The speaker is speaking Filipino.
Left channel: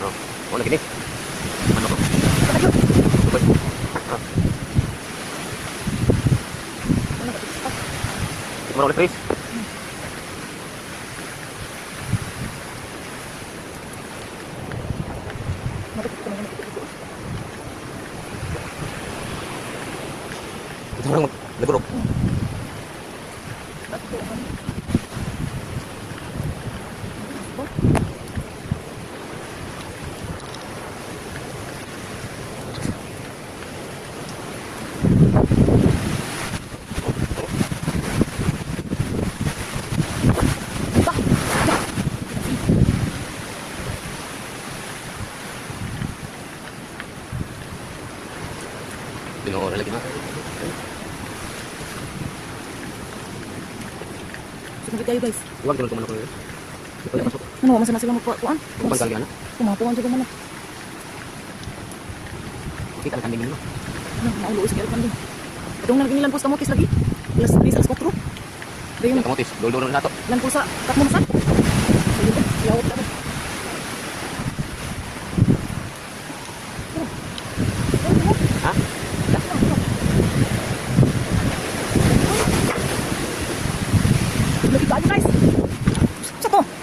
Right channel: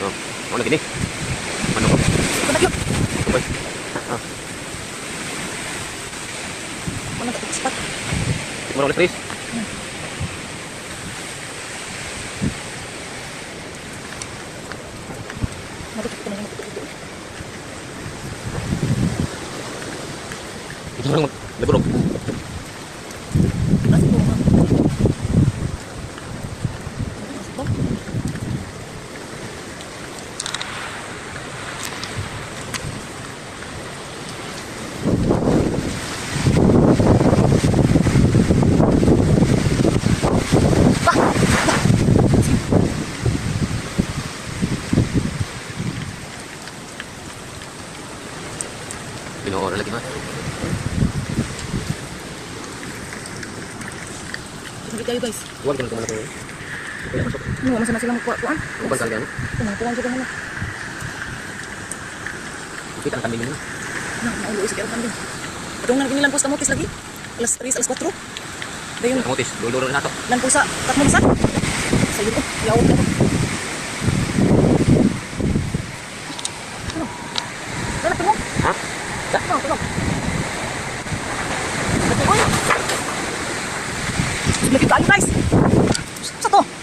Oh, ano gini? Ano ko? Ubay. Ah, Mana tak cepat. kumara ulit, Chris. Matutup ko na yung matutup ko. Ito lang nagulog. Tapos ito man. Pinoora lagi na. Sumuli tayo guys. Iwan ko lang tumala ko. Ito yung pasok. Ano, masama sila magkuhaan. Kupal kang yan. Tumatuan sila na. Kita ang kambing nyo. Naulo sa kaya kambing. Atong nang inilampos kamutis lagi. Alas 3, alas 4. Dayon, Kamutis, duluro na ito. lampos sa tatlo masak. Sa yun, yawag na to.